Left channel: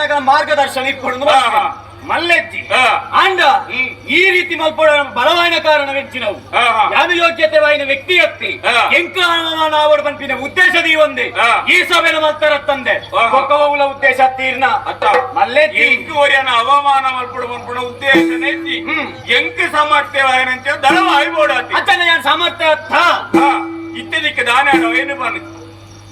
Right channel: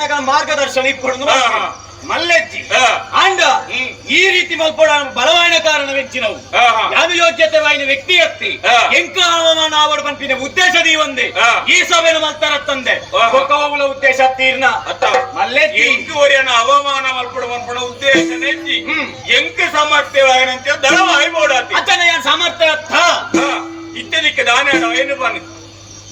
ಜನಗಳ ಮಾರ್ಗದರ್ಶನ ಇಟ್ಕೊಂಡು ಮಲ್ಲೆಜ್ಜಿ ಅಂಡ ಈ ರೀತಿ ಮಲ್ಪಡ ಬಲವಾಯಿನ ಕಾರಣವೆಂಚಿ ನಾವು ಯಾವ ಯೋಗ್ಯತೆ ವಾಯಿನ ವ್ಯಕ್ತಿ ಎತ್ತಿ ಎಂಕ ಅವಮಾನ ಆವಡ್ ಪಂಪಿನ ಉದ್ದೇಶದಿ ಒಂದೇ ಈ ಸಭೆನ ಮಲ್ತರ ತಂದೆ ಒಕ್ಕವುಲ ಉದ್ದೇಶ ತೀರ್ನ ಮಲ್ಲೆಜ್ಜಿ ಇಂಕುವರಿಯನ್ನ ಅವಮಾನ ಮಲ್ಪಡ ಪಂಪಣ ಉದ್ದೇಶ ನೆಚ್ಚಿ ಎಂಕ ಸಾಮರ್ಥ್ಯ ವಾಯಿನಂತ ದಳವಾಯಿ ಬೋಡಾತಿ ಅತನ ಯಾನ್ ಸಾಮರ್ಥ್ಯ ಇತ್ಯದಿಕ್ಕೆ ದಾನ ಏನು ಬನ್ನಿ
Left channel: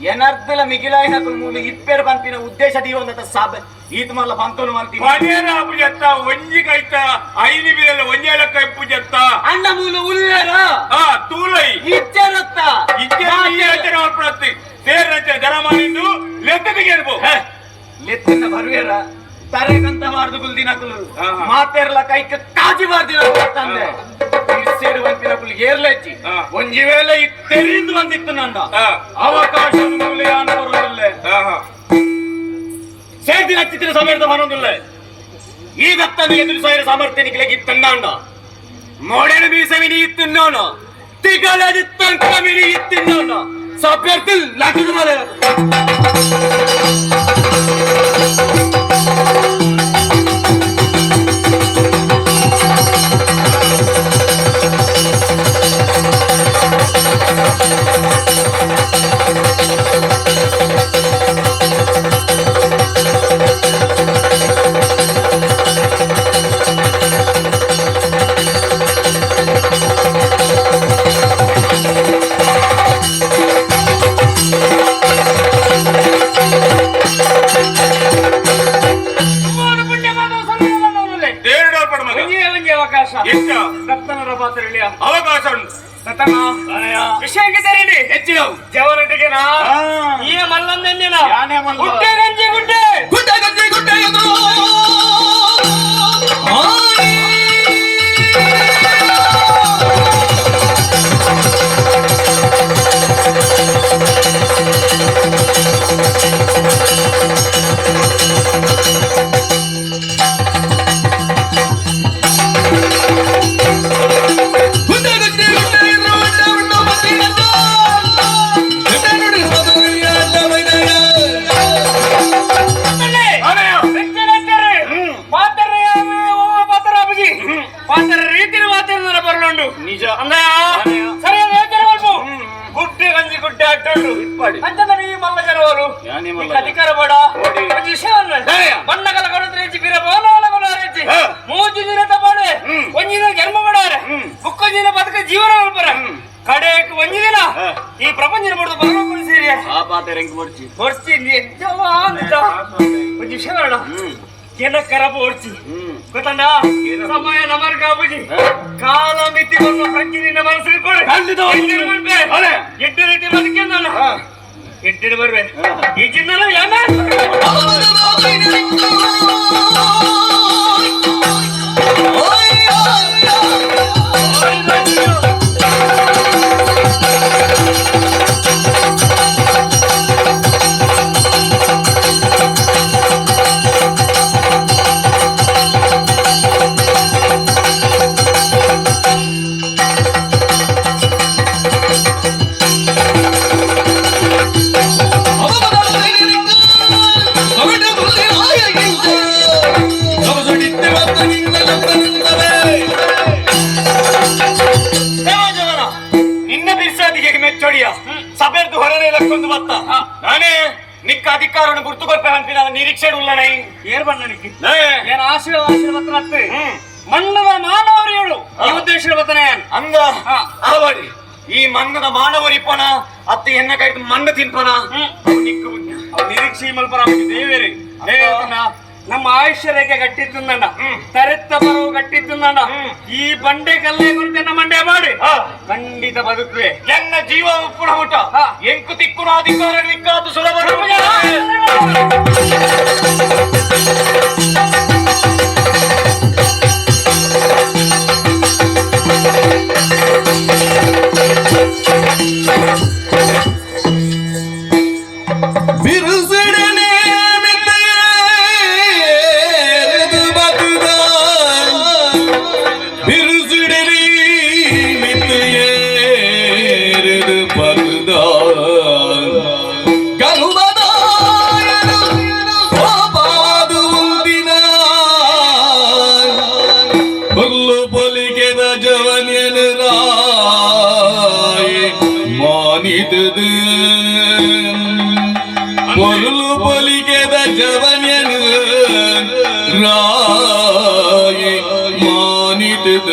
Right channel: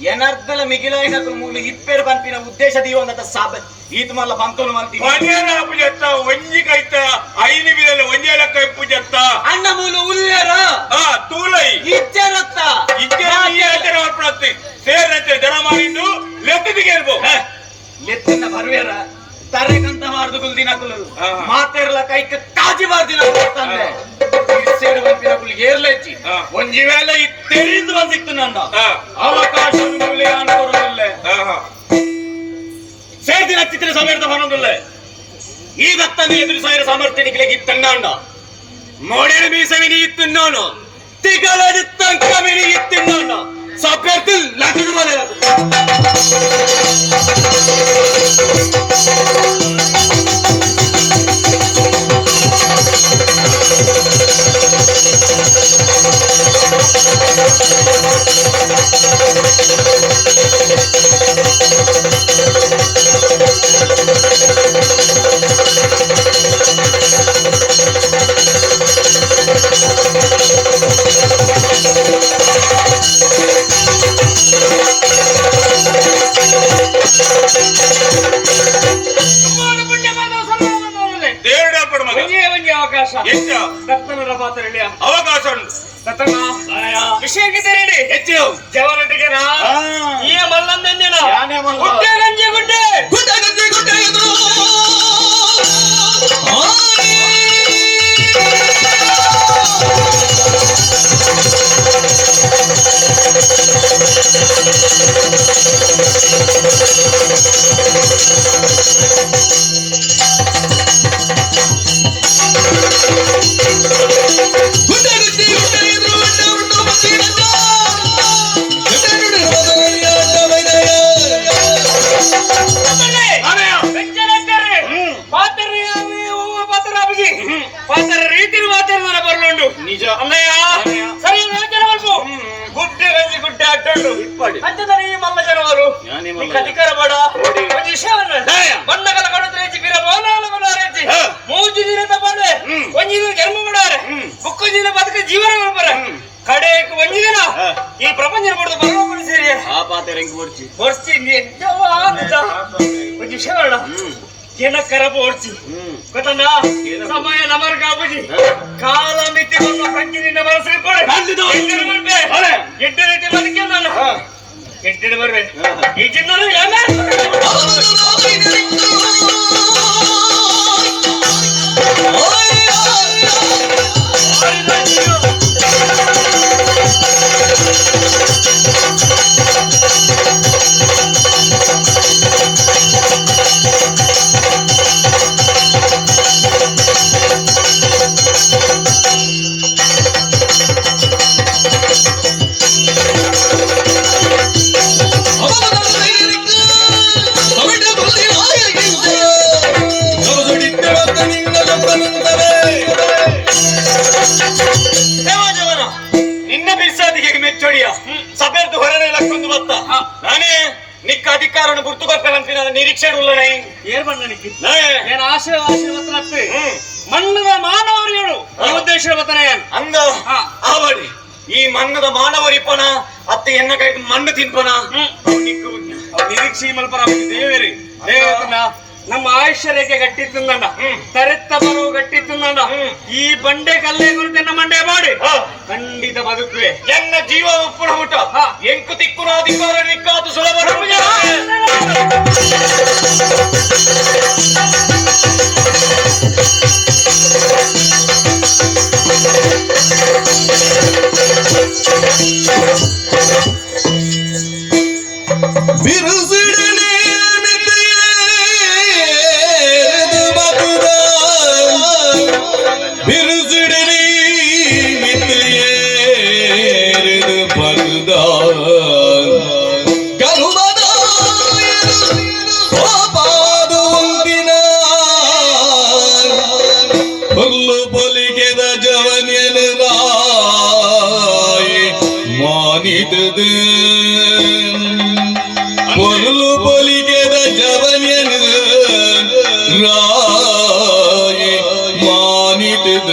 ಏನರ್ಧಲ ಮಿಗಿಲಾಯಿನ ಮೂಲ ಇಪ್ಪೇರು ಪಂಪಿನ ಉದ್ದೇಶ ದೀವಂತ ಸಾಬ ಈತ ಮಲ್ಲ ಪಂತೋನು ಮಲ್ತಿ ಮನೆಯಲ್ಲ ಪೂಜತ್ತ ಒಂಜಿ ಕೈತ ಐನಿ ಬಿರಲ್ಲ ಒಂಜೇಲಕ್ಕ ಪೂಜತ್ತ ಅಣ್ಣ ಮೂಲ ಉಲ್ಲೇರ ತೂಲೈ ಇಚ್ಚರತ್ತ ಇಚ್ಚರ ಮಾಡ್ಪಡತ್ತೆ ಸೇರತ್ತೆ ದರ ಮಾಡಿದ್ದು ಲೆಕ್ಕದಿಗೆ ಇರ್ಬೋ ಲೆತ್ತಿನ ಬರುವೇರ ತರೆಕಂತ ಮಾಡ್ದು ಗುಲ್ದಿನಕಲು ಮಾತೆರ್ಲ ಕೈಕ ಕಾಜಿ ಮಾಡ್ದಿನ ತಂದೆ ಸೇಡು ಬಂಪಿನಕಲು ಏರ್ಲೆಚ್ಚಿ ಒಂಜಿ ವೇಳೆ ತೆರಿಂದ ಬಂದಿತ್ತು ನಂದ ಅವಕಾಶ ಅನುಕೂಲಲ್ಲೇ ಸೇದಿನ ಚಿತ್ರ ಸಮರ್ಥ ಬರೋದಿಲ್ಲ ಈ ದತ್ತನ ಎದುರು ಸಾಯಿರ ಸಾಮರ್ಥ್ಯನಿಗೆ ಇತ್ತಣ್ಣ ಮೋಡೇನ ಮೀಸವಿನಿ ಇತ್ತುಣ್ಣೋಣ ತಿಗಲಡಿ ತಂಕಮಿನಿ ಇತ್ತುಣ್ಣೋಣ ಸಭ್ಯರ್ಥಿ ಲಕ್ಷದ ಮೇಲೆ ಅವಕಾಶ ಉಂಟು ವಿಷಯಕ್ಕೆ ತೆರೀಲಿ ಹೆಚ್ಚು ಜವನಟಿಗೆ ಈಗ ಮಲ್ಲಂದಿನ ಗುಡ್ಡೆ ಗಂಜಿ ಗುಡ್ಡೆ ಗುಡ್ಡೆ ಗಂಜಿ ಗುಡ್ಡೆ అధికార మన్నగల కడుతురించి మూజు జీరత పడే ಒಂಜಿನ ಜನ್ಮ ಮಾಡಾರೆ ಬುಕ್ಕ ಜೀನ ಬದುಕ ಜೀವನ ಮಾಡ್ಬಾರ ಕಡೆಯಕ್ಕೆ ಒಂಜಿನ ಈ ಪ್ರಪಂಚ ಮಾಡ್ದು ಬರಬೇಕು ಸೇರಿ ಆ ಪಾತೆ ರೆಂಕ್ ಬರ್ಚಿ ಬರ್ಚಿ ಒಂದು ವಿಷಯ ಬೇಡ ಏನಕ್ಕರಪ್ಪ ಓಡ್ಚಿ ಗೊತ್ತಂಡ ಸಮಯ ನಮರ ಕಾಪುಜಿ ಕಾಲ ಮಿತಿಕೊಂಡು ಕಂಚಿನಿಂದ ಮನಸ್ಸಿರ್ಪಡೆ ಎಡ್ಡು ರೀತಿ ಬದುಕೆ ನಾನು ಎಡ್ಡು ಬರ್ವೆ ಈ ಚಿನ್ನ ಸಭೆಯದ್ದು ಹೊರನೇ ಲಕ್ಕೊಂದು ಬತ್ತ ನಾನೇ ನಿಕ್ಕ ಅಧಿಕಾರನ ಗುರ್ತುಕೊಪ್ಪೆ ಹಂಪಿನ ನಿರೀಕ್ಷೆ ಉಳ್ಳನೇ ಏರ್ ಬಣ್ಣ ನಿಕ್ಕಿ ನಾನು ಆಶಯ ಮಾತ್ರ ಮಣ್ಣದ ಮಾನವರಿಗಳು ಈ ಉದ್ದೇಶ ಬತ್ತನೆ ಅಂದ ಆವಡಿ ಈ ಮಣ್ಣದ ಮಾನವರಿಪ್ಪನ ಅತ್ತೆ ಎನ್ನ ಕೈ ಮಣ್ಣು ತಿನ್ಪನ ನಿರೀಕ್ಷೆ ಮಲ್ಪನ ದೇವೇರಿ ನಮ್ಮ ಆಯುಷ್ಯ ರೇಖೆ ಗಟ್ಟಿತ್ತಂದ ತರೆತ್ತ ಬರವು ಗಟ್ಟಿತ್ತಂದ ಈ ಬಂಡೆ ಕಲ್ಲೇ ಗುರುತಿನ ಮಂಡೆ ಮಾಡಿ ಖಂಡಿತ ಬದುಕುವೆ ನನ್ನ ಜೀವ ಒಪ್ಪುಣ ಊಟ ಎಂಕು ತಿಕ್ಕುನ ಅಧಿಕಾರ ನಿಕ್ಕಾತು ಸುಲಭ Garuda ಜವನ್ಯನು ರಾಯಿ ಮಾನಿತದ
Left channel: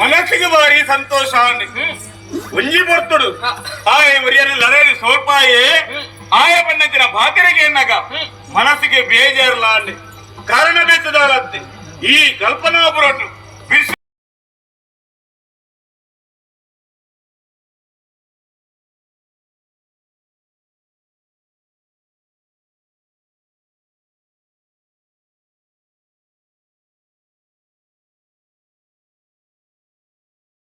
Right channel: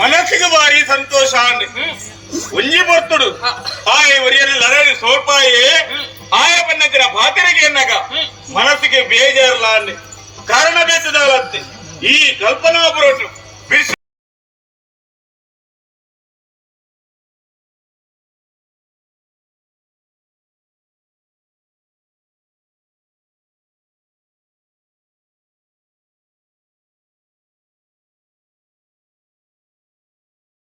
ಮನಸ್ಸಿಗೆ ಬಾರಿ ಸಂತೋಷ ಒಂಜಿ ಬರ್ತುಡು ಆಯ ಒರಿಯಲ್ಲಿ ಲರೇದು ಸೋಪಾಯೇ ಆಯ ಪನ್ನತಿನ ಬಾತಿರಿಗೆ ಎನ್ನಗ ಮನಸ್ಸಿಗೆ ಬೇಜಾರಲ್ಲ ಅಲ್ಲಿ ಕಾರಣ ಬೇಸದವಲತ್ತೆ ಈ ಕಲ್ಪನಾ ಬರೋಟು